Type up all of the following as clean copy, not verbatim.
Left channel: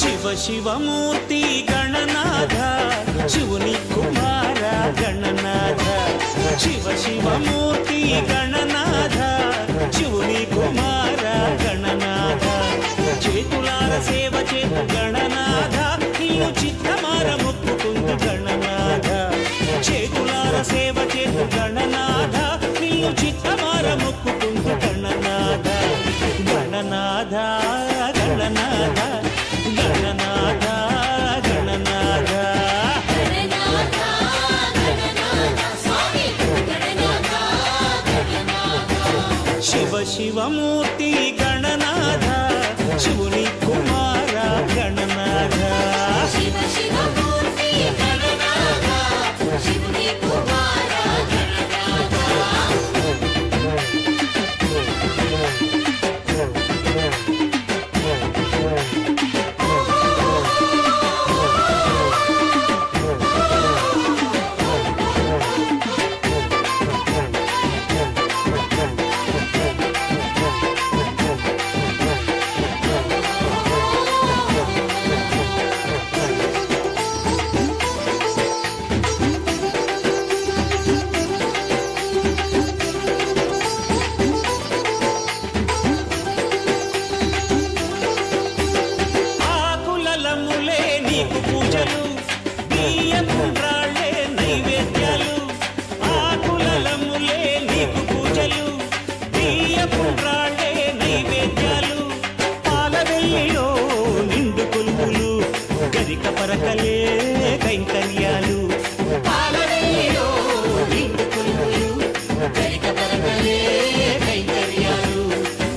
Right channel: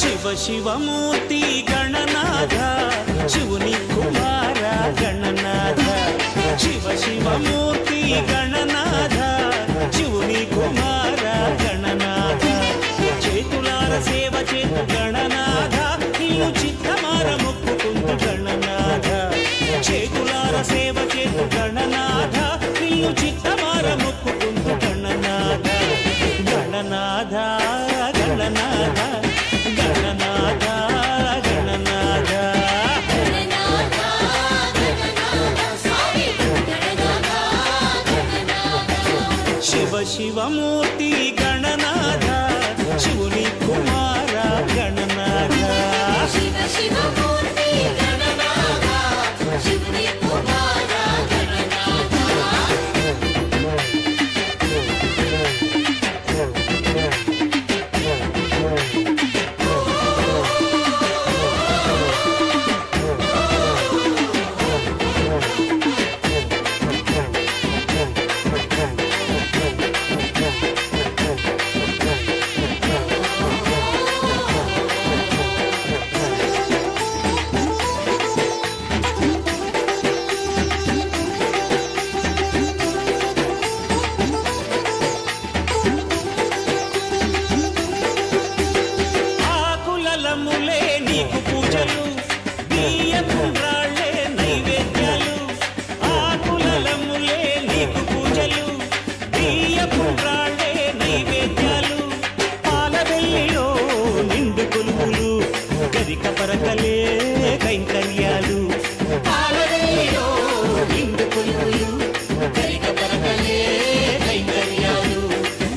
शिव शिवमूर्ति गणनाथ शिवनी कुमार गणनाथ शिव शिवमूर्ति गणनाथ शिवनी कुमार गणनाथ చేతులార సేవ చేతు గణనాథ నిన్ను చిత్తమార మొక్కుకుందు గణనాథ చేతులార సేవ చేతు గణనాథ నిన్ను చిత్తమార మొక్కుకుందు గణనాథ గణనాథ గణనాథ గణనాథ గణనాథ शिव शिवमूर्ति गणनाथ शिवनी कुमार गणनाथ ఆకులములే నీకు పూజలు బియ్యపుండ్రాళ్ళే నైవేద్యాలు ఆకులములే నీకు పూజలు బియ్యపుండ్రాళ్ళే నైవేద్యాలు పాలవెల్లిలో నిండు కొలువులు గరిక పరకలే కైంకర్యాలు పాలవెల్లిలో నిండు కొలువులు గరిక పరకలే కైంకర్యాలు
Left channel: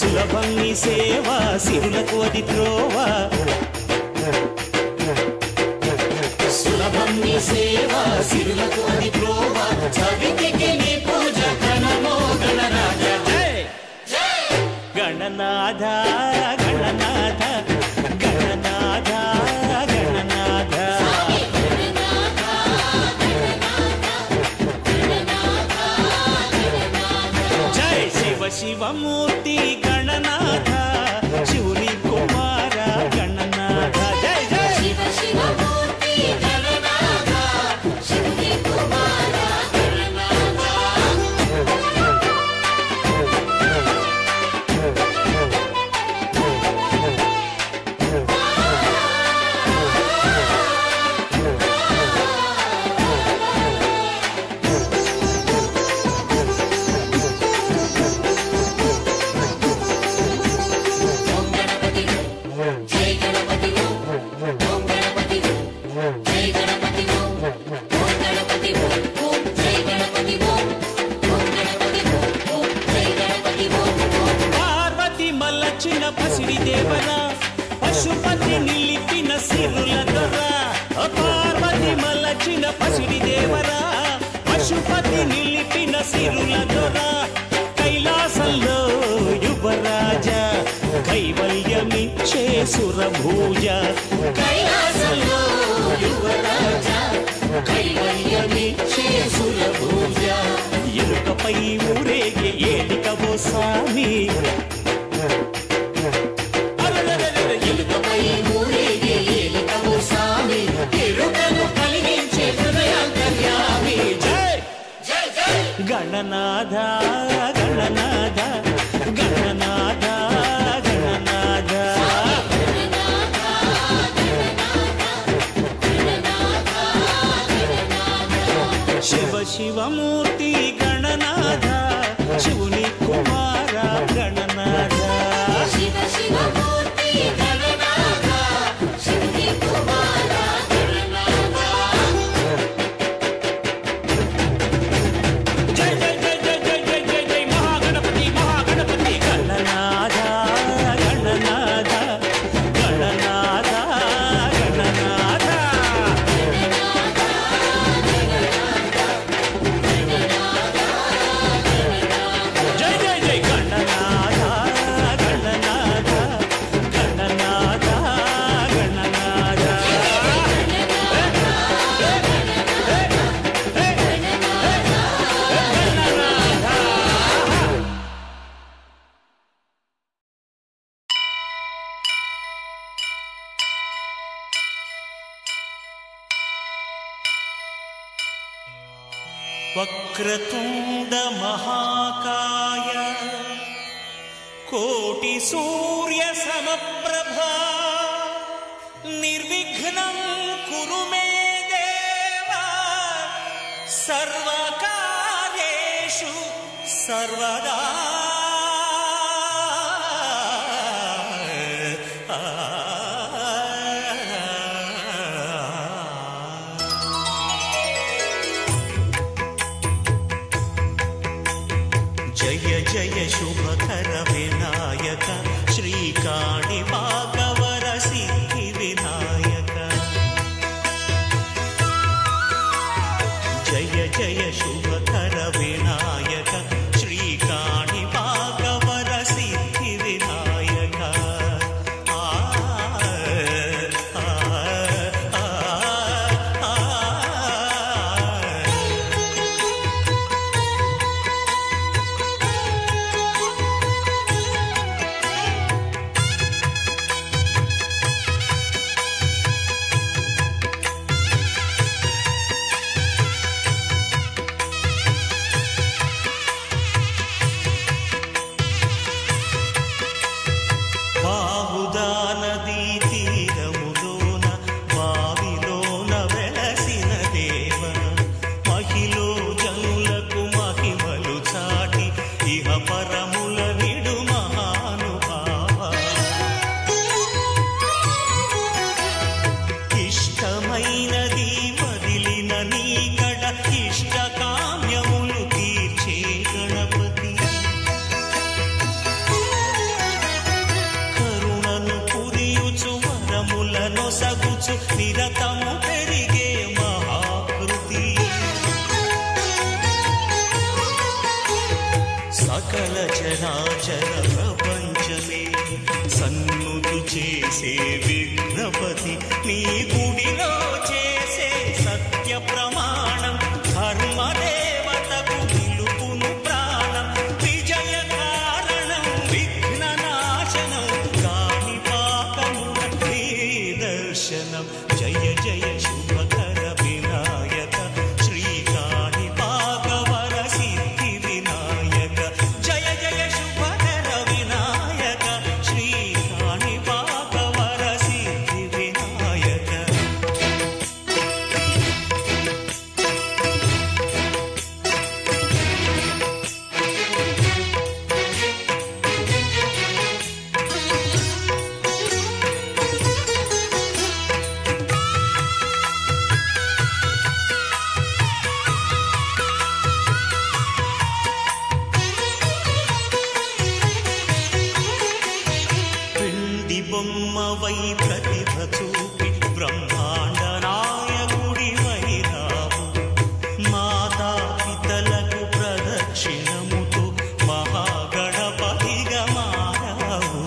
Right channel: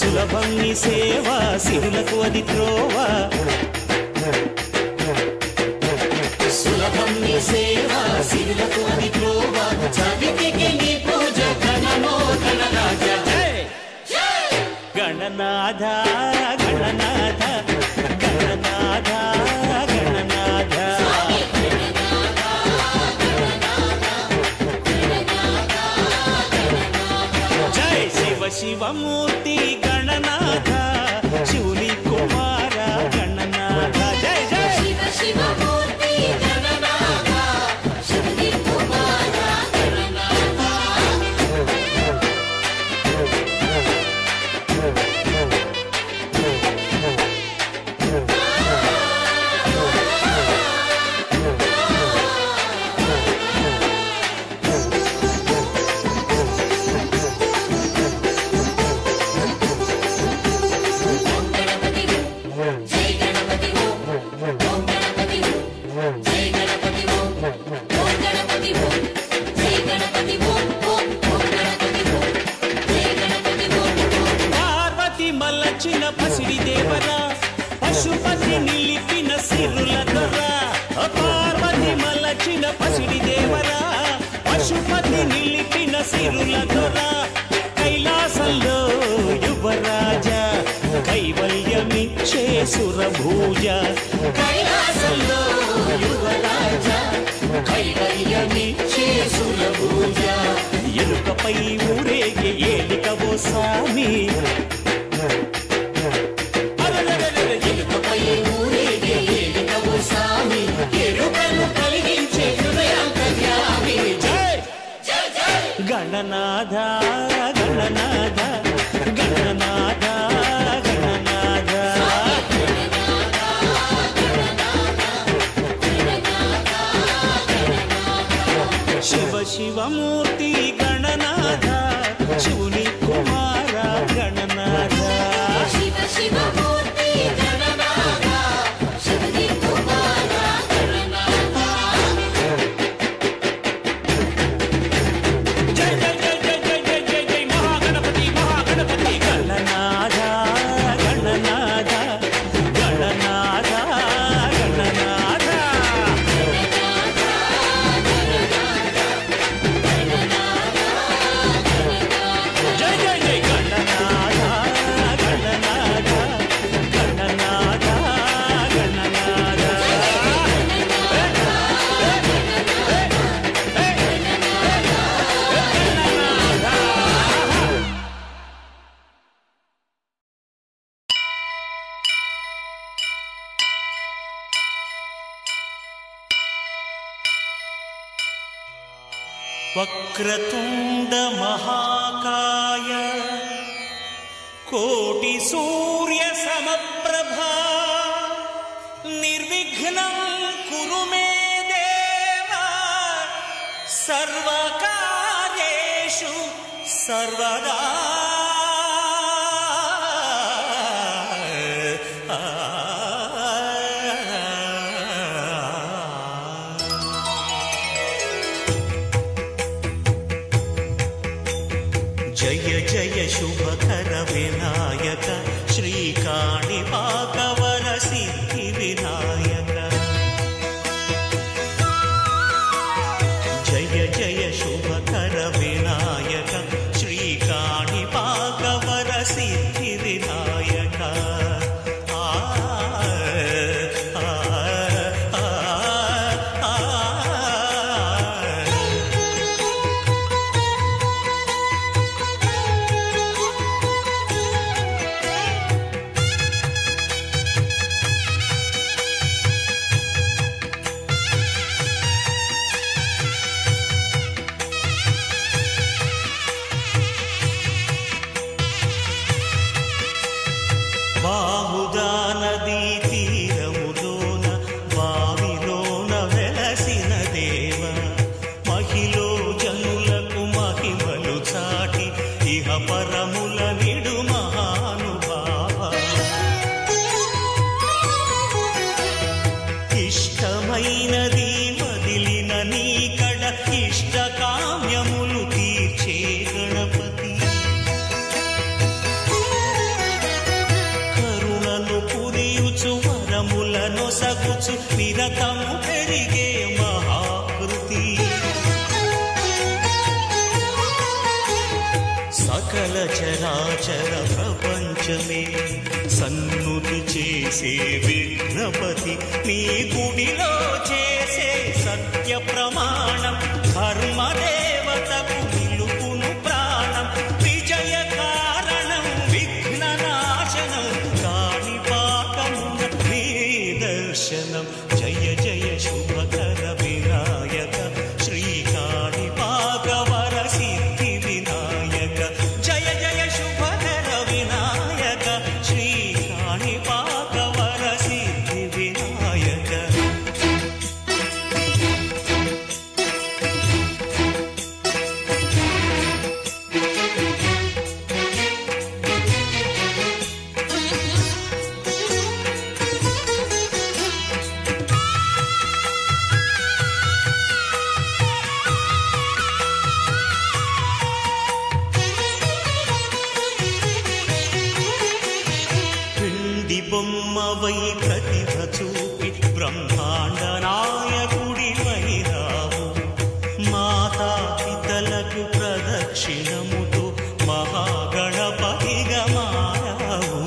సులభం నీ సేవ సిరులకు అది త్రోవ సులభం నీ సేవ సిరులకు అది త్రోవ చవితికి నీ పూజ ఘనమో గణరాజ జై గణనాథ గణనాథ గణనాథ గణనాథ జై శివ శివమూర్తి గణనాథ శివుని కుమార గణనాథ జై జై పార్వతి మల్లచిన పసిడి దేవరా పశుపతి నిలిపిన సిరుల దొర పార్వతి మల్లచిన పసిడి దేవరా పశుపతి నిలిపిన సిరుల దొర కైలాసంలో యువరాజ కైవల్యమిచ్చే సురభూజ కైలాసంలో యువరాజ కైవల్యమిచ్చే సురభూజ ఎలుకపై ఊరేగే ఏలికవో స్వామి ఎలుకపై ఊరేగే ఏలికవో స్వామి ఎరుకను కలిగించే హృదయాంతర్యామి జై గణనాథ గణనాథ గణనాథ గణనాథ शिव शिवमूर्ति गणनाथ शिवनी कुमार गणनाथ शिव शिवमूर्ति गणनाथ शिवनी कुमार गणनाथ जय जय जय जय जय जय जय जय महागणपति వక్రతుండ మహాకాయ కోటి సూర్య సమప్రభా నిర్విఘ్నం కురు మే దేవ సర్వకార్యేషు సర్వదా. జయ జయ శుభకర వినాయక శ్రీకాణిపాకవర సిద్ధి వినాయక. జయ జయ శుభకర వినాయక శ్రీకాణిపాకవర సిద్ధి వినాయక. బాహుదా నదీ తీరములోన బావిలోన వెలసిన దేవ మహిలో జనులకు మహిమలు చాటి ఇహ పరముల నిడు మహానుభావ. ఇష్టమైనది వదిలిన నీకడ ఇష్ట కామ్యములు తీర్చే గణపతి. పురియుచు వరములను సగుచు నిరతము పెరిగే మహాకృతి. సకల చరాచర ప్రపంచమే సన్నుతి చేసే విఘ్నపతి నీ గుడిలో చేసే సత్య ప్రమాణం ధర్మదేవతకు నిలుపును ప్రాణం. విజయ కారణం విఘ్న నాశనం కాణిపాకమున నీ దర్శనం. జయ జయ శుభకర వినాయక శ్రీకాణిపాకవర సిద్ధి వినాయక. జయ జయ శుభకర వినాయక శ్రీకాణిపాకవర సిద్ధి వినాయక. బొమ్మవై ప్రతిభ చూపి బ్రహ్మాండ నాయకుడివైనావు. మాతా పితలకు ప్రదక్షిణముతో మహాగణపతిగా మారావు.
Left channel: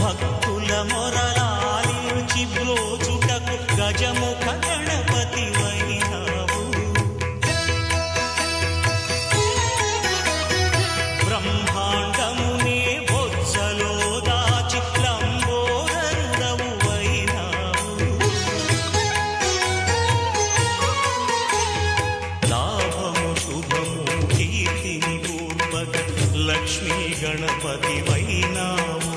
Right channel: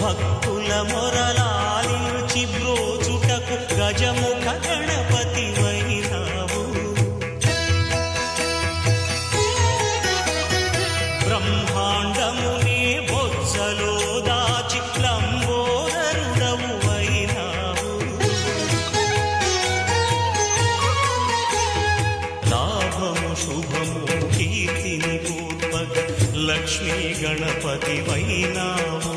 భక్తుల మొరలాలించి బ్రోచుటకు గజముఖ గణపతివైనావు. బ్రహ్మాండమునే బొజ్జలో దాచి లంబోదరుడవు అయినావు. లాభము శుభము కీర్తిని పూర్వక లక్ష్మీ గణపతి వైనావు.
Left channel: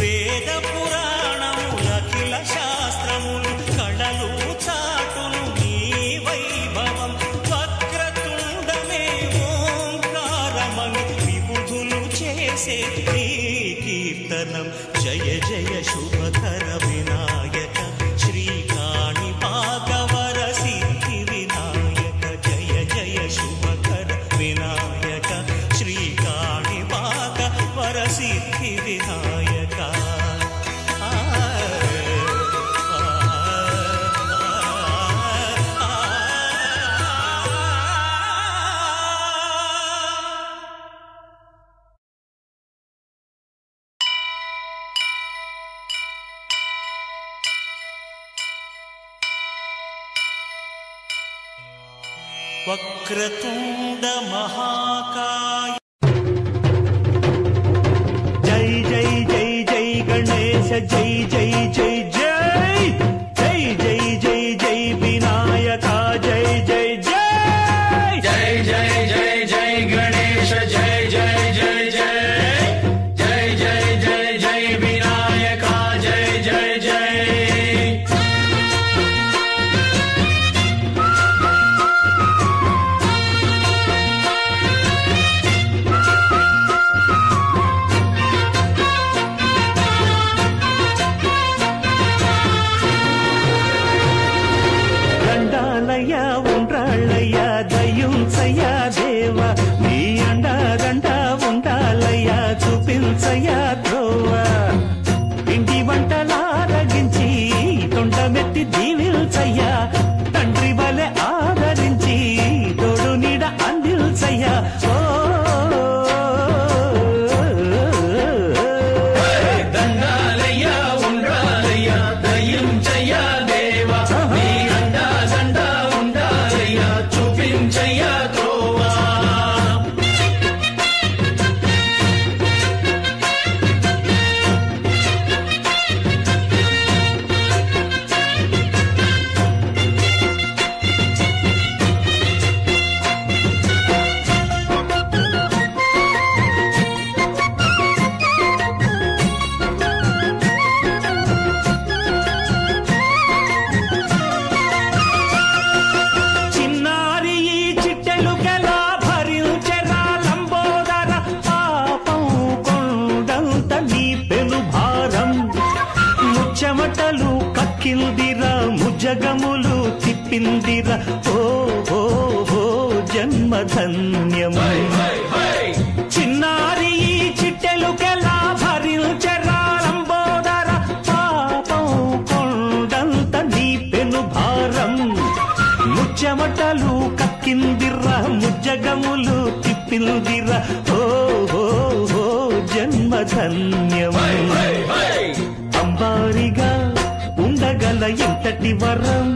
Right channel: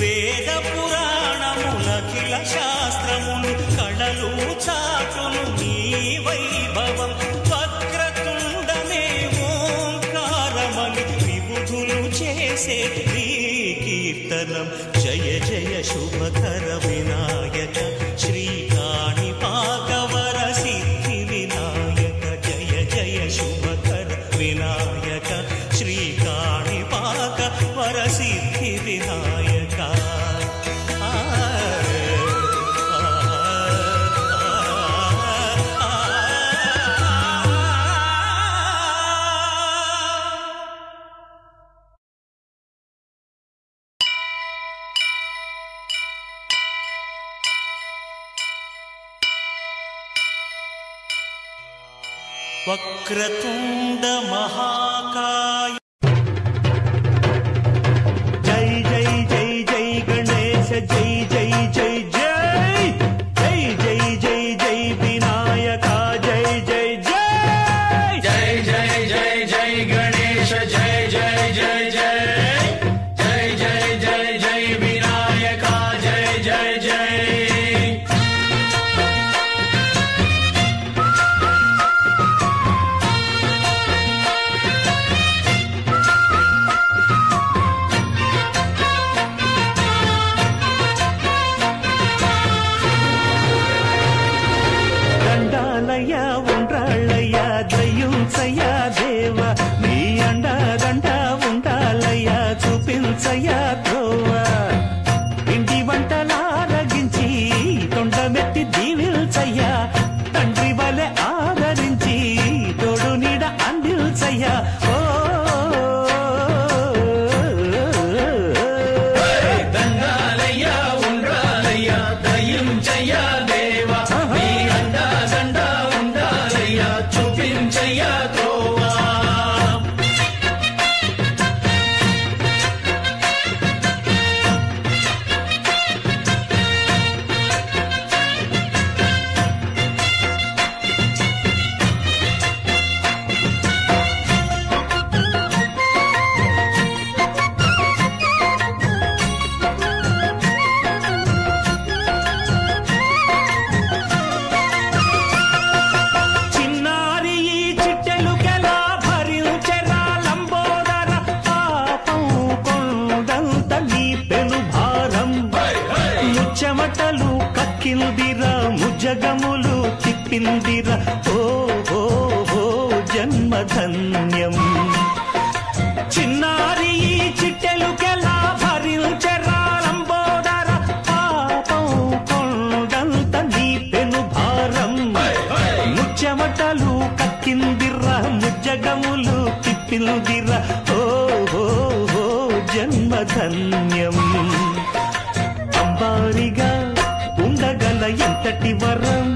వేద పురాణములఖిల శాస్త్రములు కళలు చాటును నీ వైభవం. వక్రతుండమే ఓంకారమని విబుధులు చేసే నీ కీర్తనం. జయ జయ శుభకర వినాయక శ్రీకాణిపాకవర సిద్ధి వినాయక. జయ జయ శుభకర వినాయక శ్రీకాణిపాకవర సిద్ధి వినాయక. వక్రతుండ మహాకాయ జై జై జై జై గణేశ జై జై జై జై జై జై జై జై దయ్యుంచయ్యా దేవ నీ అండదండ ఉండాలయ్యా చూపించయ్యా త్రోవ ఇంటి వంటలారగించి తొండమెత్తి దీవిల్చయ్యా తండ్రి వలె ఆదరించి తోడు నీడ అందిల్చయ్యా ఓ దండాలయ్యా ఉండాలయ్యా దయ్యుంచయ్యా దేవ నీ అండదండ ఉండాలయ్యా చూపించయ్యా త్రోవా చెమటలు కక్కిందిరా ముజగములు తిప్పిందిరా ఓ ఓ ఓ జన్మధన్యం చిన్నారి ఈ చిట్టెలుకెలా భరించెరా లంబోదర పాపం కొండంత నీ పెను భారం ముచ్చెమటలు కక్కిందిరా ముజ్జగములు తిప్పిందిరా ఓ ఓ ఓ జన్మధన్యం అంబారిగా ఉండగల ఎంతటి వరం